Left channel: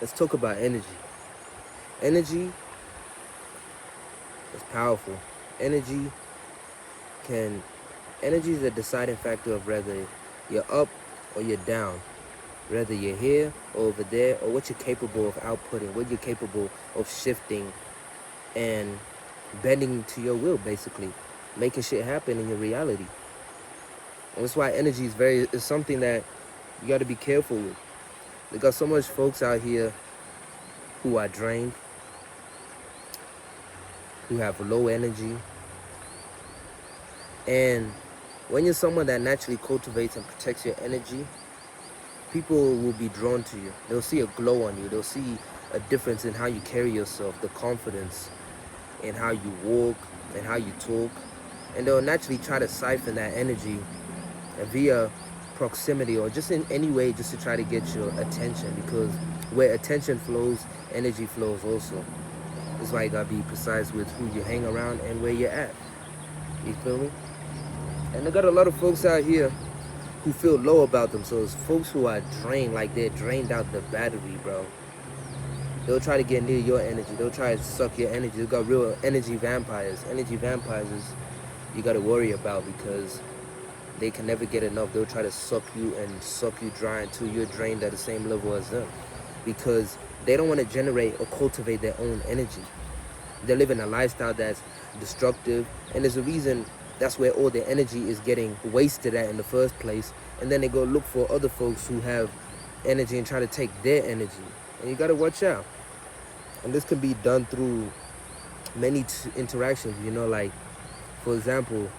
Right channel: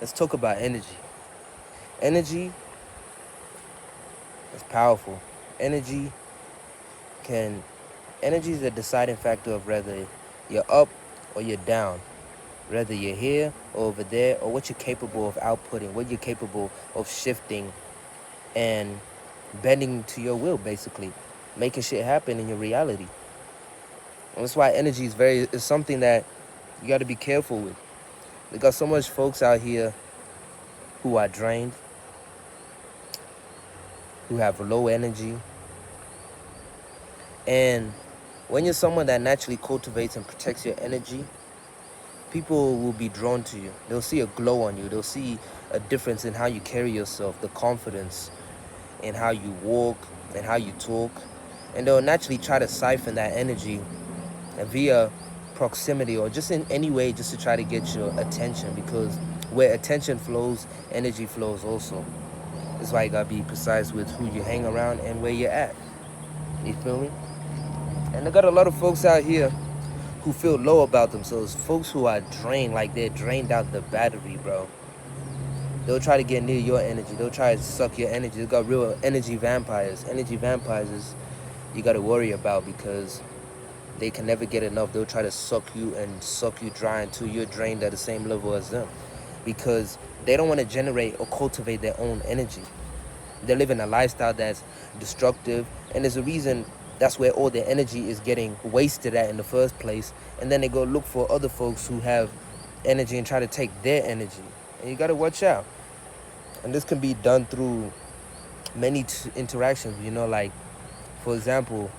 let's talk about energy. Energy is powerful. Energy can energy is a deciding factor of whether you're up or you're down, whether you're here or over there, or what you're capable of outputting, what you're capable of shifting and bending to your will, basically, making shit happen in your reality. And that's why energy is something that you got to be careful with. They got so much folks out here who are drained, who have low energy, and when you're someone that naturally cultivates and protects your energy, people will be drawn to you. They'll see a glow on you. They'll see a difference in how you carry yourself, the confidence in how you walk and how you talk. And they'll naturally try to siphon that energy via proximity or just in any way just to try to get your attention, because where attention flows, energy flows also. That's why you gotta be precise with who you hang around and where you're at. You feel me? And I got a lot of folks out here who feel low about themselves. Folks who are drained, like they're drained out the battery, bro. They'll try to get near your energy. They'll try to suck your energy. They got real energy vampires. Energy vampires is you got to worry about because they can never get enough. They'll try to suck you and suck you dry until you're drained at the same level as them, because they don't want to generate or cultivate their own energy. They're living a lifestyle that's destructive, and there's a reason that's where all their energy is getting wasted at in the first place. And then they go look for other folks who have energy and try to take their energy. And you got to watch out. And this can be done through many interactions, like, for example,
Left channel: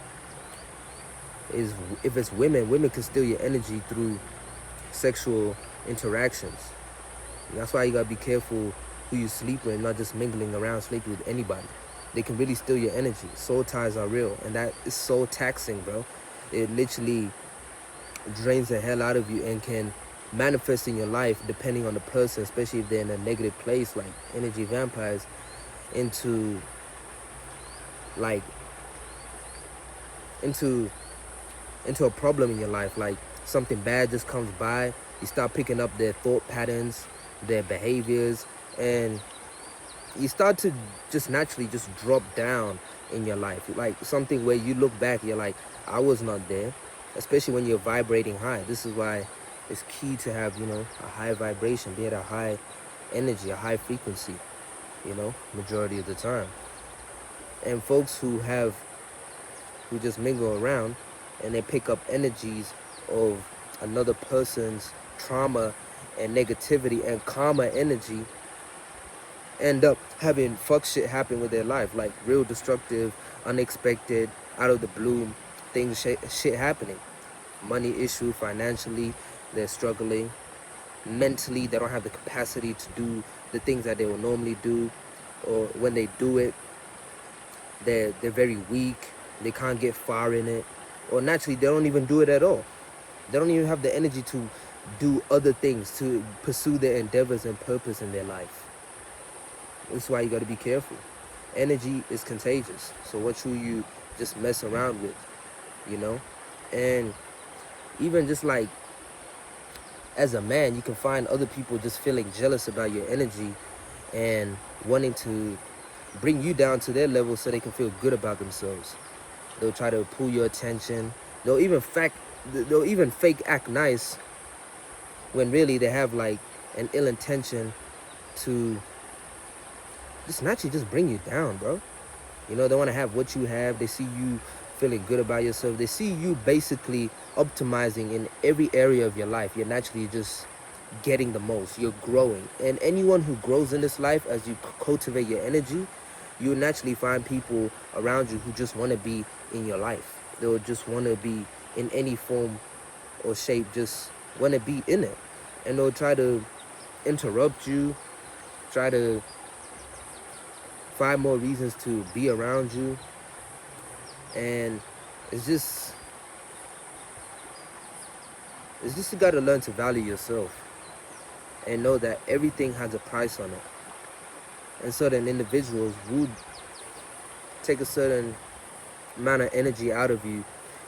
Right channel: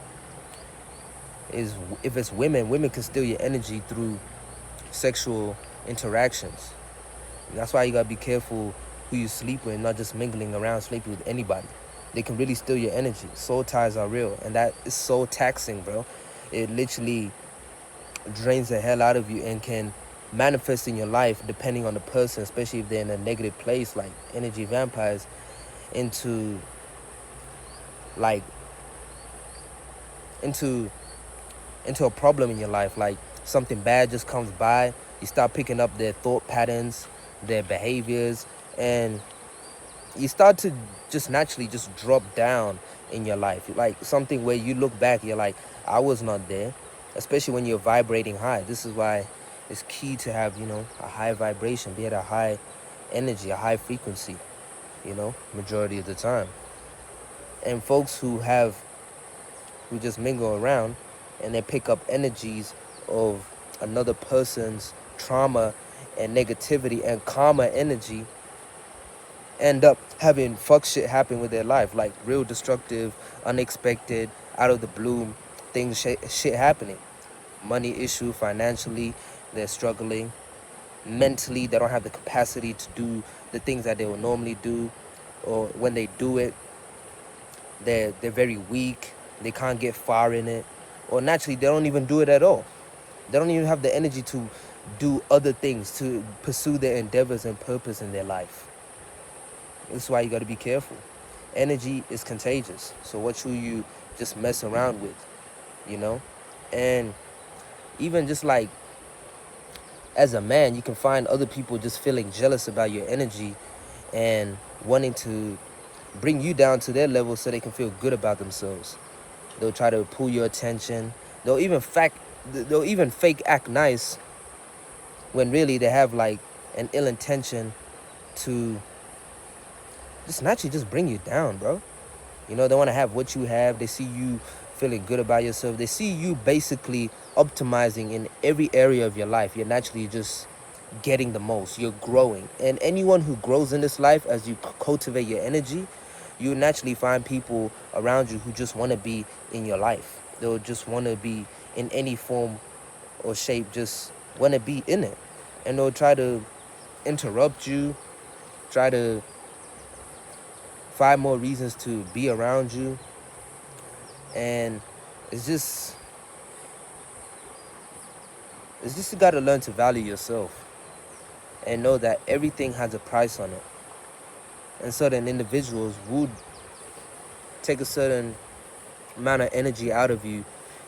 is if it's women can steal your energy through sexual interactions. And that's why you gotta be careful who you sleep with, not just mingling around, sleeping with anybody. They can really steal your energy. Soul ties are real, and that is so taxing, bro. It literally drains the hell out of you and can manifest in your life depending on the person, especially if they're in a negative place, like energy vampires, into like into a problem in your life. Like something bad just comes by, you start picking up their thought patterns, their behaviors, and you start to just naturally just drop down in your life. Like something where you look back, you're like, I was not there. Especially when you're vibrating high. This is why it's key to have, a high vibration, be at a high energy, a high frequency, majority of the time. And folks who just mingle around and they pick up energies of another person's trauma and negativity and karma energy, end up having fuck shit happen with their life, like real destructive, unexpected, out of the blue things, shit happening. Money issue, financially, they're struggling. Mentally, they don't have the capacity to do the things that they would normally do, or when they do it, they're very weak. They can't get far in it, or naturally, they don't even do it at all. They don't even have the energy to do other things, to pursue their endeavors and purpose in their life. That's why you got to be careful. Energy is contagious. So what should you just mess around with, And even just like as a man, you can find other people just feeling jealous about your energy and wanting to bring you down to their level so they can feel good about themselves. They'll try to pull your attention. They'll even fake act nice when really they have like an ill intention to just naturally just bring you down, bro. They want to have what you have. They see you feeling good about yourself. They see you basically optimizing in every area of your life. You're naturally just getting the most. You're growing. And anyone who grows in this life, as you cultivate your energy, you naturally find people around you who just want to be in your life. They'll just want to be in any form or shape, just want to be in it. And they'll try to interrupt you, try to find more reasons to be around you. And it's just you got to learn to value yourself and know that everything has a price on it. And certain individuals would take a certain amount of energy out of you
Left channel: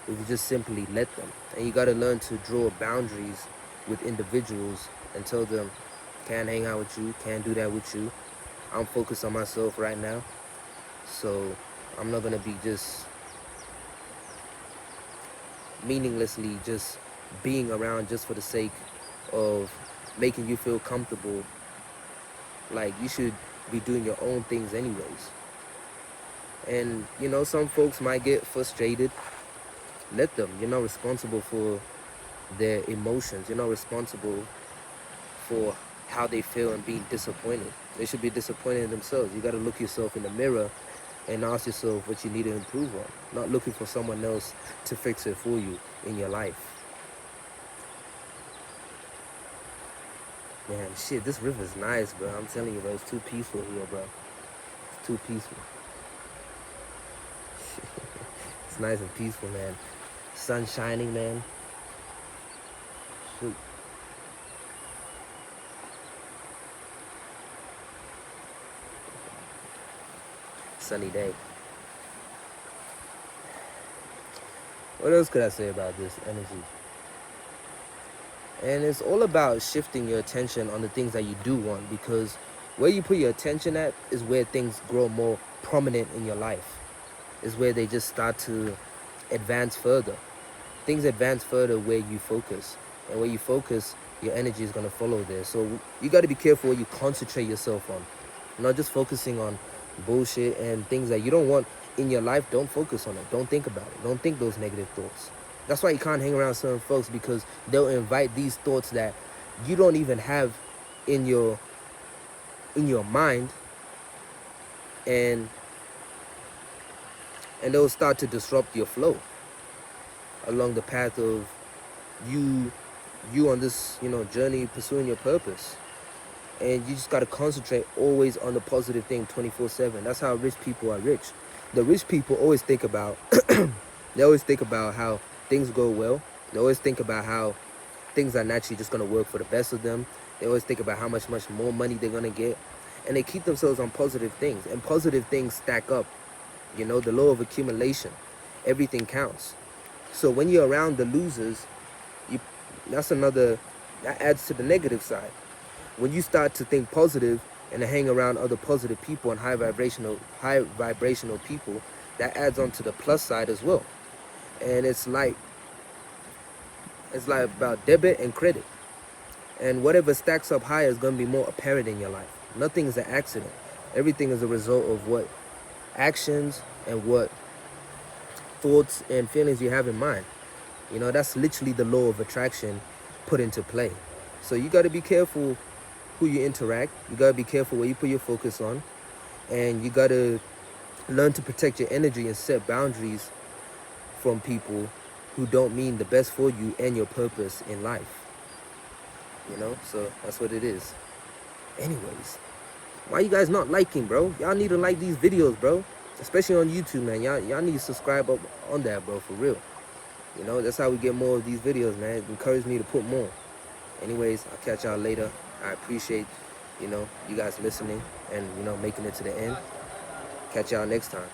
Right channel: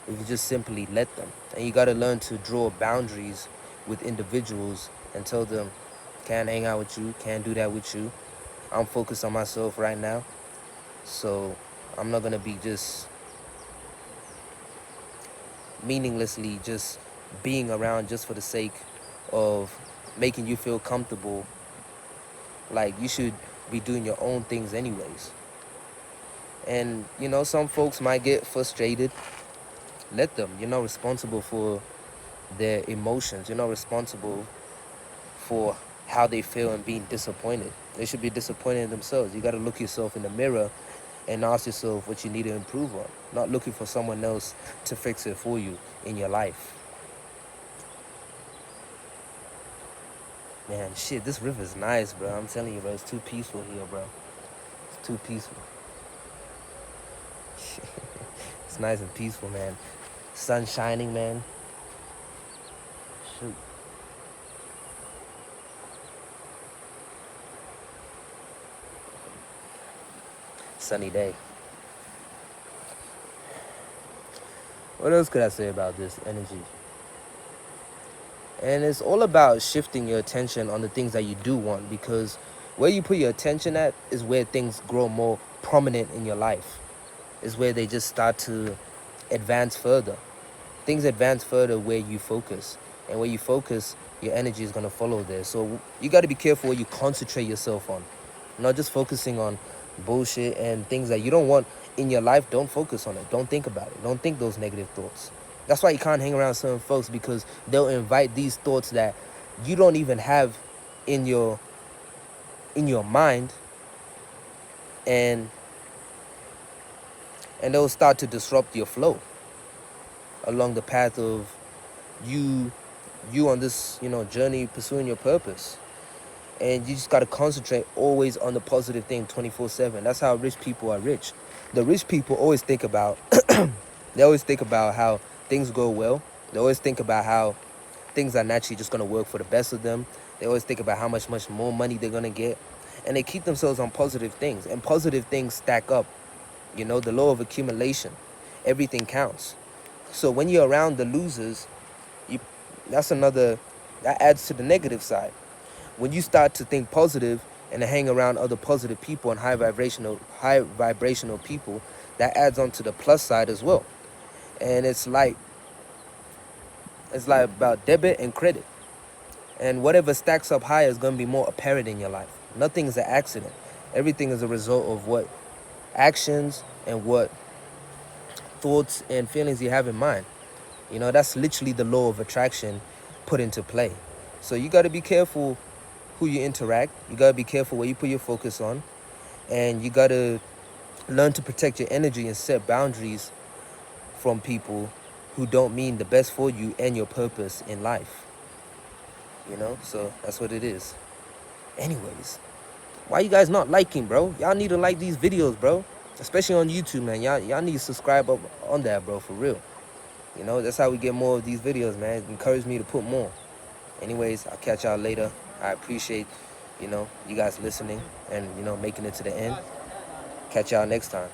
if you just simply let them. And you got to learn to draw boundaries with individuals and tell them, Can't hang out with you. Can't do that with you. I'm focused on myself right now. So I'm not gonna be just meaninglessly just being around just for the sake of making you feel comfortable. Like, you should be doing your own things anyways. And some folks might get frustrated. Let them. You're not responsible for their emotions. You're not responsible for how they feel and being disappointed. They should be disappointed in themselves. You got to look yourself in the mirror and ask yourself what you need to improve on. Not looking for someone else to fix it for you in your life. Man, shit, this river's nice, bro. I'm telling you, bro. It's too peaceful here, bro. It's too peaceful. It's nice and peaceful, man. Sun shining, man. Shoot. Sunny day. What else could I say about this energy? And it's all about shifting your attention on the things that you do want, because where you put your attention at is where things grow more prominent in your life. Is where they just start to advance further. Things advance further where you focus. And where you focus, your energy is going to follow there. So you got to be careful what you concentrate yourself on. Not just focusing on bullshit and things that you don't want in your life. Don't focus on it. Don't think about it. Don't think those negative thoughts. That's why you can't hang around certain folks, because they'll invite these thoughts that you don't even have in your mind, and they'll start to disrupt your flow along the path of you on this journey pursuing your purpose. And you just got to concentrate always on the positive thing 24/7. That's how rich people are rich. The rich people always think about they always think about how things go well. They always think about how things are naturally just going to work for the best of them. They always think about how much more money they're going to get. And they keep themselves on positive things. And positive things stack up. The law of accumulation. Everything counts. So when you're around the losers, that adds to the negative side. When you start to think positive and to hang around other positive people and high vibrational people, that adds on to the plus side as well. And it's like about debit and credit. And whatever stacks up higher is going to be more apparent in your life. Nothing is an accident. Everything is a result of what actions and what thoughts and feelings you have in mind. That's literally the law of attraction put into play. So you got to be careful who you interact. You got to be careful where you put your focus on. And you got to learn to protect your energy and set boundaries from people who don't mean the best for you and your purpose in life. So that's what it is. Anyways, why you guys not liking, bro? Y'all need to like these videos, bro. Especially on YouTube, man. Y'all need to subscribe up on that, bro, for real. That's how we get more of these videos, man. It encouraged me to put more. Anyways, I'll catch y'all later. I appreciate, you guys listening and, making it to the end. Catch y'all next time.